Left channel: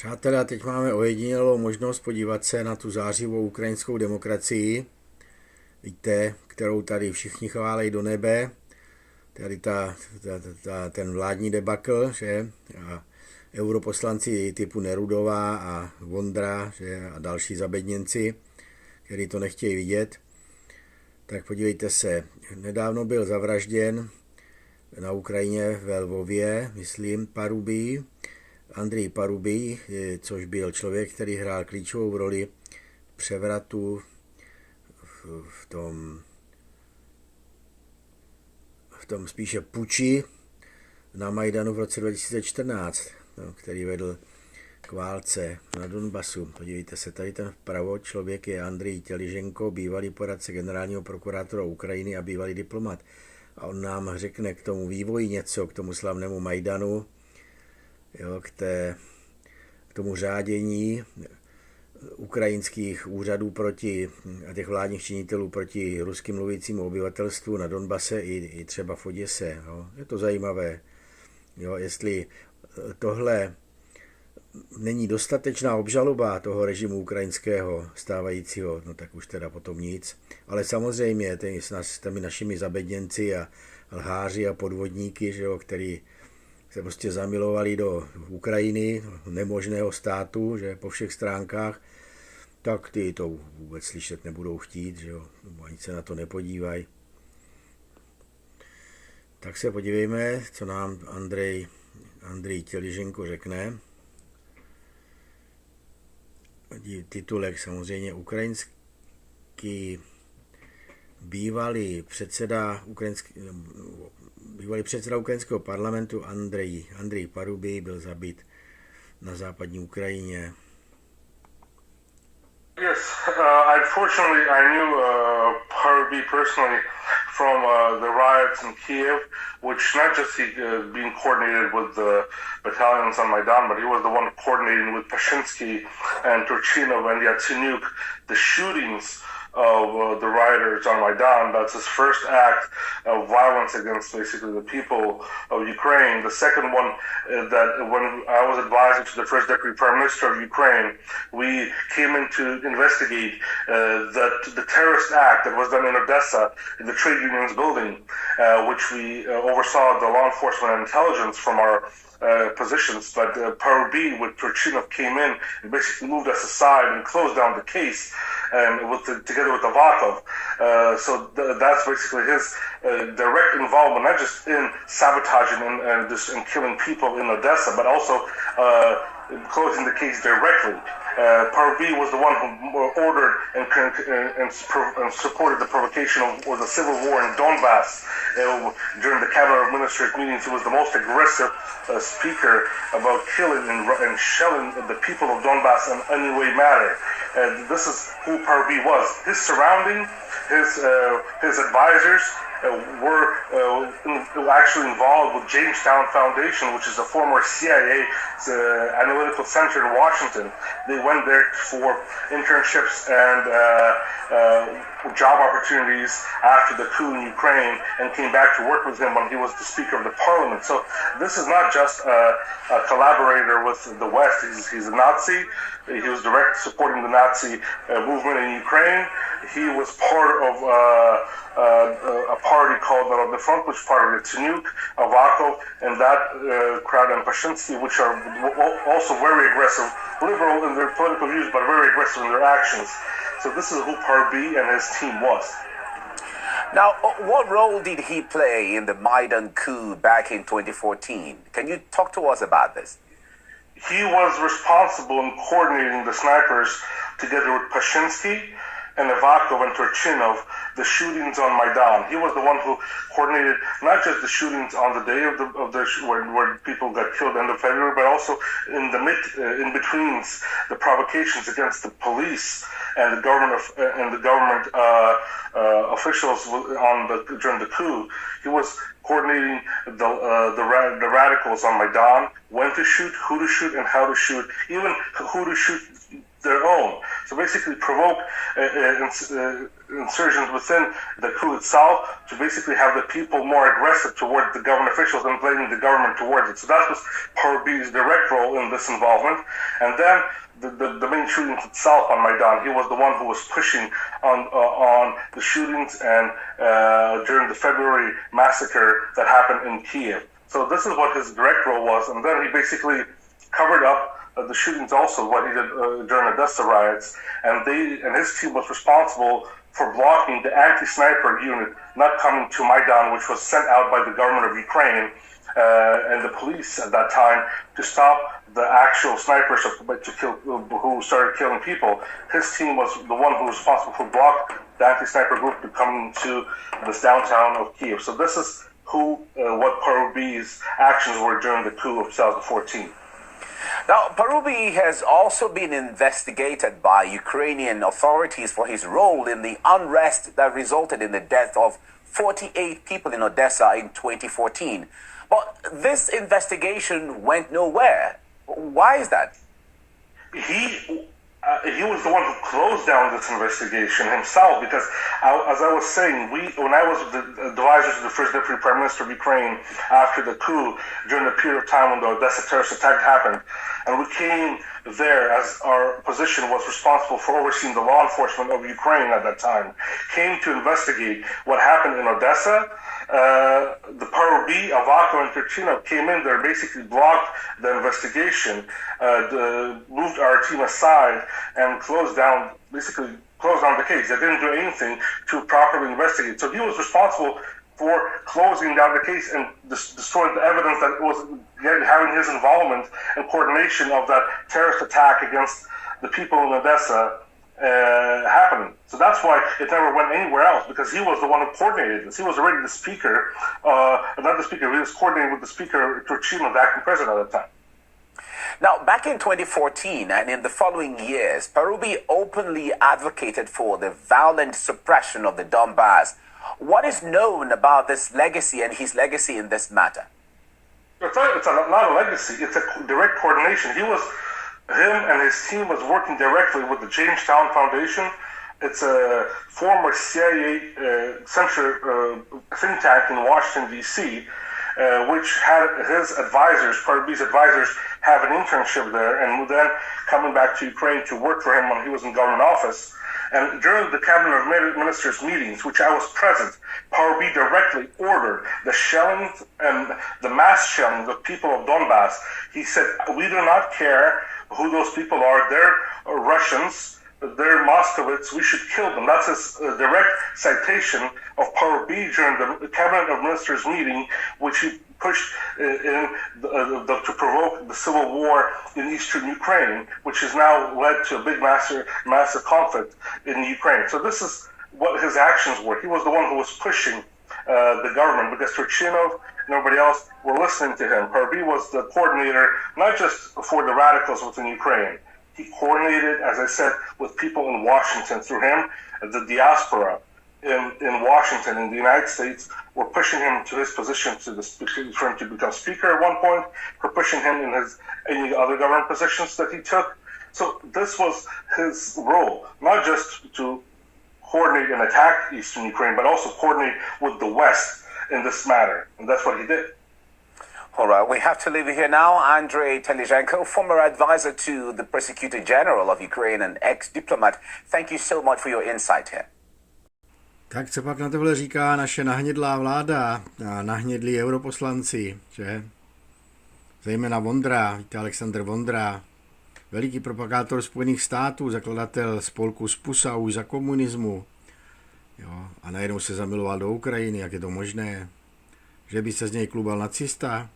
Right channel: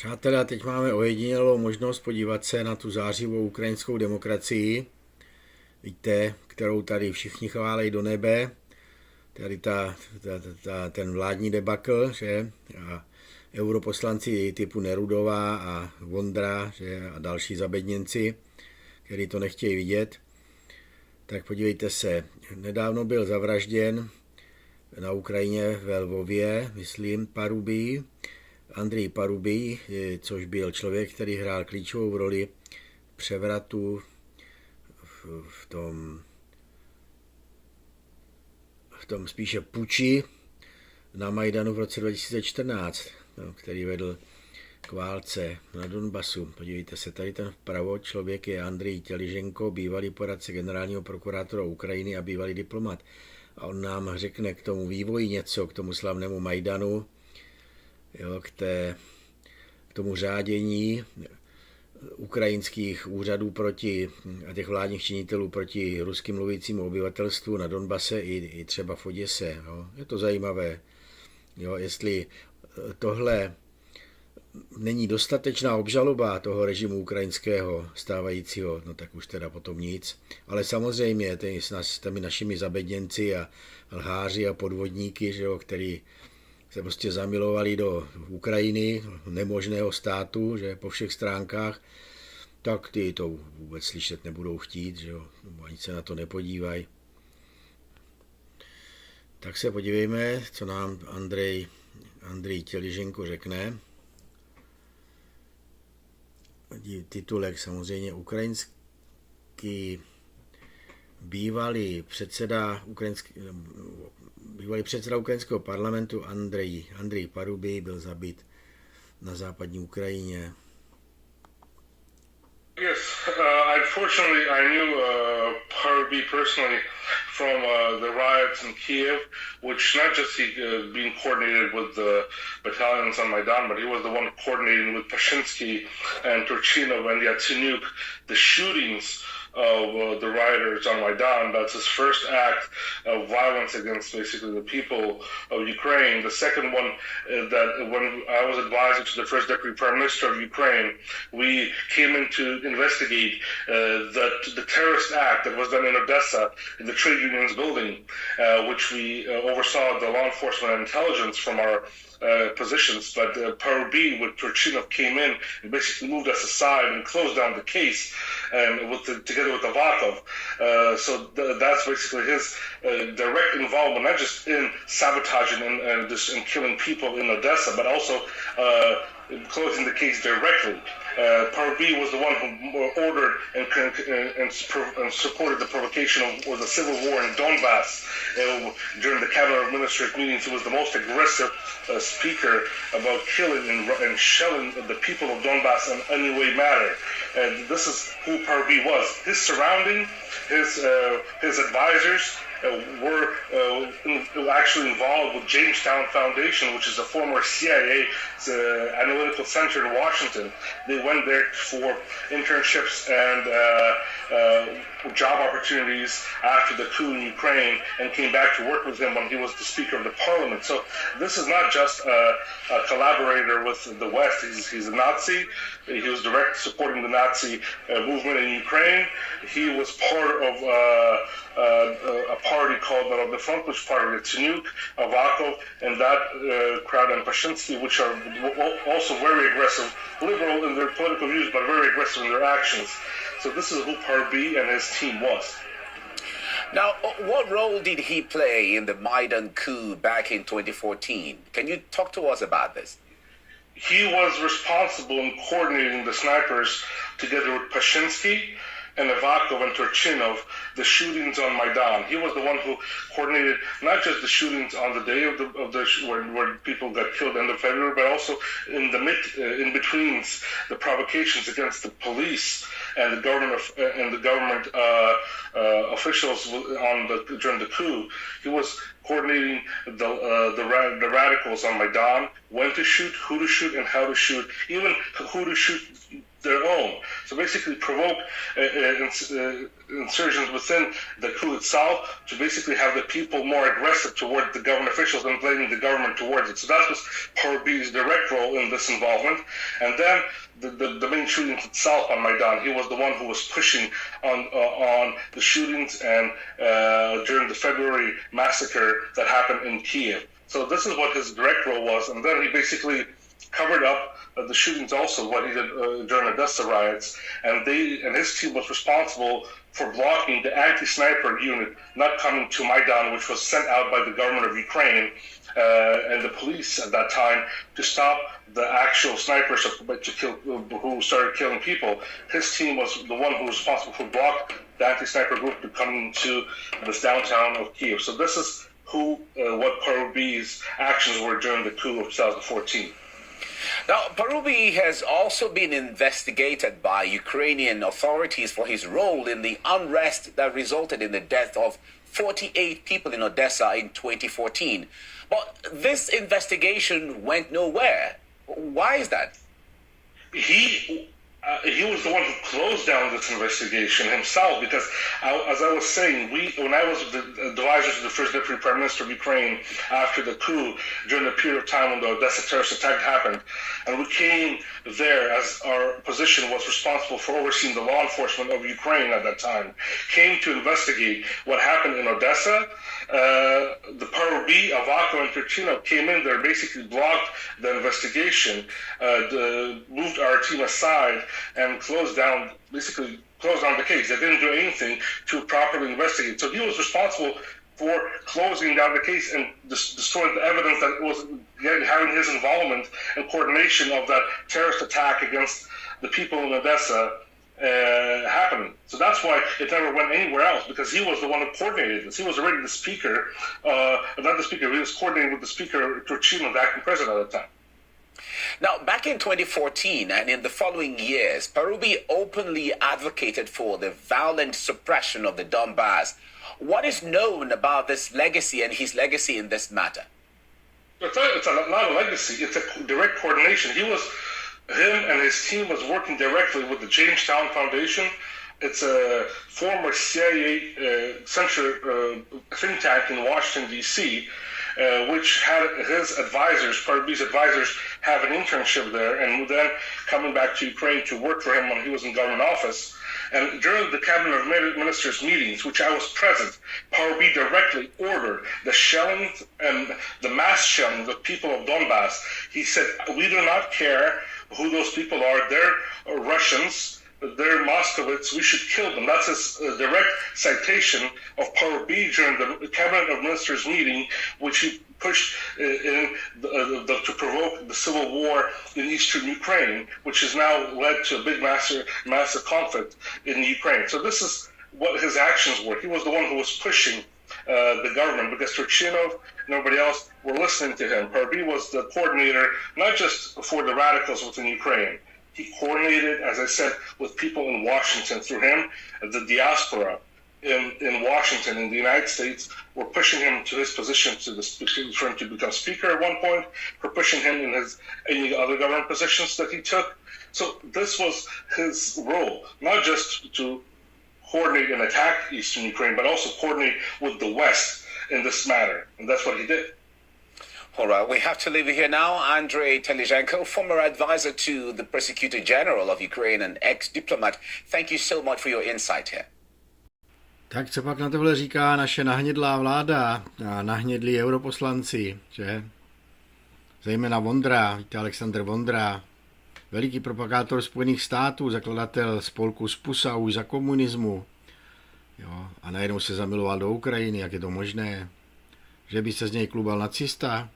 Přátelé, teď máme ojedinělou možnost podívat se na tu zářivou ukrajinskou demokracii. Víte, kterou tady všichni chválejí do nebe. Tady ten vládní debakl, že? A europoslanci typu Nerudová a Vondra, že? A další zabedněnci, kteří to nechtějí vidět. Tak podívejte se, nedávno byl zavražděn na Ukrajině ve Lvově, myslím, Andrej Parubij, což byl člověk, který hrál klíčovou roli převratu v tom spíše puči na Majdanu v roce 2014, který vedl k válce na Donbasu. Podívejte se, tady ten vpravo člověk je Andrej Těliženko, bývalý poradce generálního prokurátora Ukrajiny a bývalý diplomat. A on nám řekne k tomu vývoji něco, k tomu slavnému Majdanu, jo, k tomu řádění ukrajinských úřadů a těch vládních činitelů proti ruským mluvícímu obyvatelstvu na Donbase i třeba v Oděse. Jo. Je to zajímavé. Jo, jestli tohle není dostatečná obžaloba toho režimu ukrajinského stávajícího, no tak už teda potom nic. Ale samozřejmě s těmi našimi zabedněnci a lháři a podvodníky, že jo, který se prostě zamilovali do Ukrajiny, nemožného státu, že po všech stránkách, tak ty to vůbec slyšet nebudou chtít, že jo, nebo ani se na to nepodívají. Tak se podívejme, co nám Andrej Těliženko řekne. Titulek samozřejmě ukrajinský bývalý předseda ukrajinského parlamentu Andrej Parubij byl zabit na západní Ukrajině. Yes, unfortunately I knew Parubij personally from the riots in Kiev, which not just he being coordinated with the battalions on Maidan, but he was the one coordinating with Pashinsky and Turchinov and Yatsenyuk, the shootings of the rioters on Maidan. That's his first act of violence against basically the people of Ukraine. The second one, that when I was advisor to the first deputy prime minister of Ukraine, we came in to investigate the terrorist act that was done in Odessa in the trade unions building, which we oversaw the law enforcement and intelligence from our positions, but Parubij with Turchinov came in and basically moved us aside and closed down the case, and together with Avakov. So that's basically his direct involvement, not just in sabotaging and killing people in Odessa, but also closing the case directly. Parubij was the one who ordered and supported the provocation or the civil war in Donbass during the cabinet of ministers meetings. He was the most aggressive speaker about killing and shelling the people of Donbass in any way matter. This is who Parubij was. His surrounding, his advisors were actually involved with Jamestown Foundation, which is a former CIA analytical center in Washington. They went there for internships and job opportunities after the coup in Ukraine and came back to work with him when he was the Speaker of the Parliament. So this is not just a collaborator with the West. He's a Nazi. He was direct supporting the Nazi movement in Ukraine. He was part of a party called the Front, which part of Yatsenyuk, Avakov, and that crowd, and Pashinsky, which are also very aggressive, liberal in their political views, but very aggressive in their actions. So this is who Parubij and his team was. Now, what role did he play in the Maidan coup back in 2014? Can you talk to us about this? He was responsible in coordinating the snipers together with Pashinsky and Avakov and Turchinov, the shootings on Maidan. He was the one who coordinated not just the shootings on the day where people got killed end of February, but also in the in betweens, the provocations against the police and the government officials during the coup. He was coordinating the radicals on Maidan, when to shoot, who to shoot, and how to shoot, even who to shoot their own. So basically provoke insurgents within the coup itself to basically have the people more aggressive toward the government officials and blaming the government towards it. So that was Parubiy's direct role in this involvement. And then the main shootings itself on Maidan, he was the one who was pushing on the shootings and during the February massacre that happened in Kiev. So this is what his direct role was. And then he basically covered up the shootings also, what he did during Odessa riots, and his team was responsible for blocking the anti-sniper unit not coming to Maidan, which was sent out by the government of Ukraine and the police at that time to stop the actual snipers who started killing people. His team was the one who was responsible for blocking the anti-sniper group to come to this downtown of Kiev. So this is what Parubiy's actions were during the coup of 2014. Now, Parubiy has also been investigated by Ukrainian authorities for his role in the unrest that resulted in the death of 48 people in Odessa in 2014. But this investigation went nowhere. Why is that? He was the one who closed down this investigation himself because, as I was saying, when I was the advisor to the first deputy prime minister of Ukraine after the coup, during the period of time when the Odessa terrorist attack happened, and we came there as our position was responsible for overseeing the law enforcement of Ukraine at that time, came to investigate what happened in Odessa. The Parubiy, Avako, and Turchynov came in there, basically blocked the investigation, moved our team aside, and closed down the case. They didn't do anything to properly investigate. So he was responsible for closing down the case and destroying the evidence that was having his involvement and coordination of that terrorist attack against the people in Odessa happening. So that's why it never went anywhere else, because he was the one who coordinated this. He was already the speaker, not the speaker, he was coordinating with the speaker, Turchynov, the acting president at the time. Now, back in 2014 and in the following years, Parubiy openly advocated for the violent suppression of the Donbass. What is known about this legacy and his legacy in this matter? It's not a legacy, it's a direct coordination. Him and his team was working directly with the Jamestown Foundation. It's a former CIA center think tank in Washington, D.C., which had his advisors, Parubiy's advisors, have an internship there, and then coming back to Ukraine to work for him when he was in government office. And during the cabinet of ministers meetings, which I was present, Parubiy directly ordered the shelling and the mass shelling of people of Donbass. He said, we do not care who those people are. They're Russians. They're Moscovites. We should kill them. That's his direct citation of Parubiy during the cabinet of ministers meeting, which he pushed to provoke the civil war in eastern Ukraine, which has now led to a big massive conflict in Ukraine. So this is what his actions were. He was the one who was pushing the government, because Turchynov and everybody else were listening to him. Parubiy was the coordinator, not just for the radicals within Ukraine. He coordinated, as I said, with people in Washington through him. The diaspora in Washington, in the United States, were pushing him to his position for him to become speaker at one point, for pushing him in any other government positions that he took. So this was his role, not just to coordinate and attack eastern Ukraine, but also coordinate with the West in this matter. And that's what he did. All right, we have to leave it here now. Andrei Telizhenko, former advisor to the Prosecutor General of Ukraine and ex-diplomat, thank you so much for your insight here. Tak co pak na tohle říká naše nahnědlá vláda a nahnědlí europoslanci, že? Zejména Vondra, víte, Alexandr Vondra, veliký propagátor Spojených států, zakladatel spolku Spusa už za komunismu. Jo, a najednou se zamiloval do Ukrajiny, jak je to možné? Že by se z něj klubal nacista?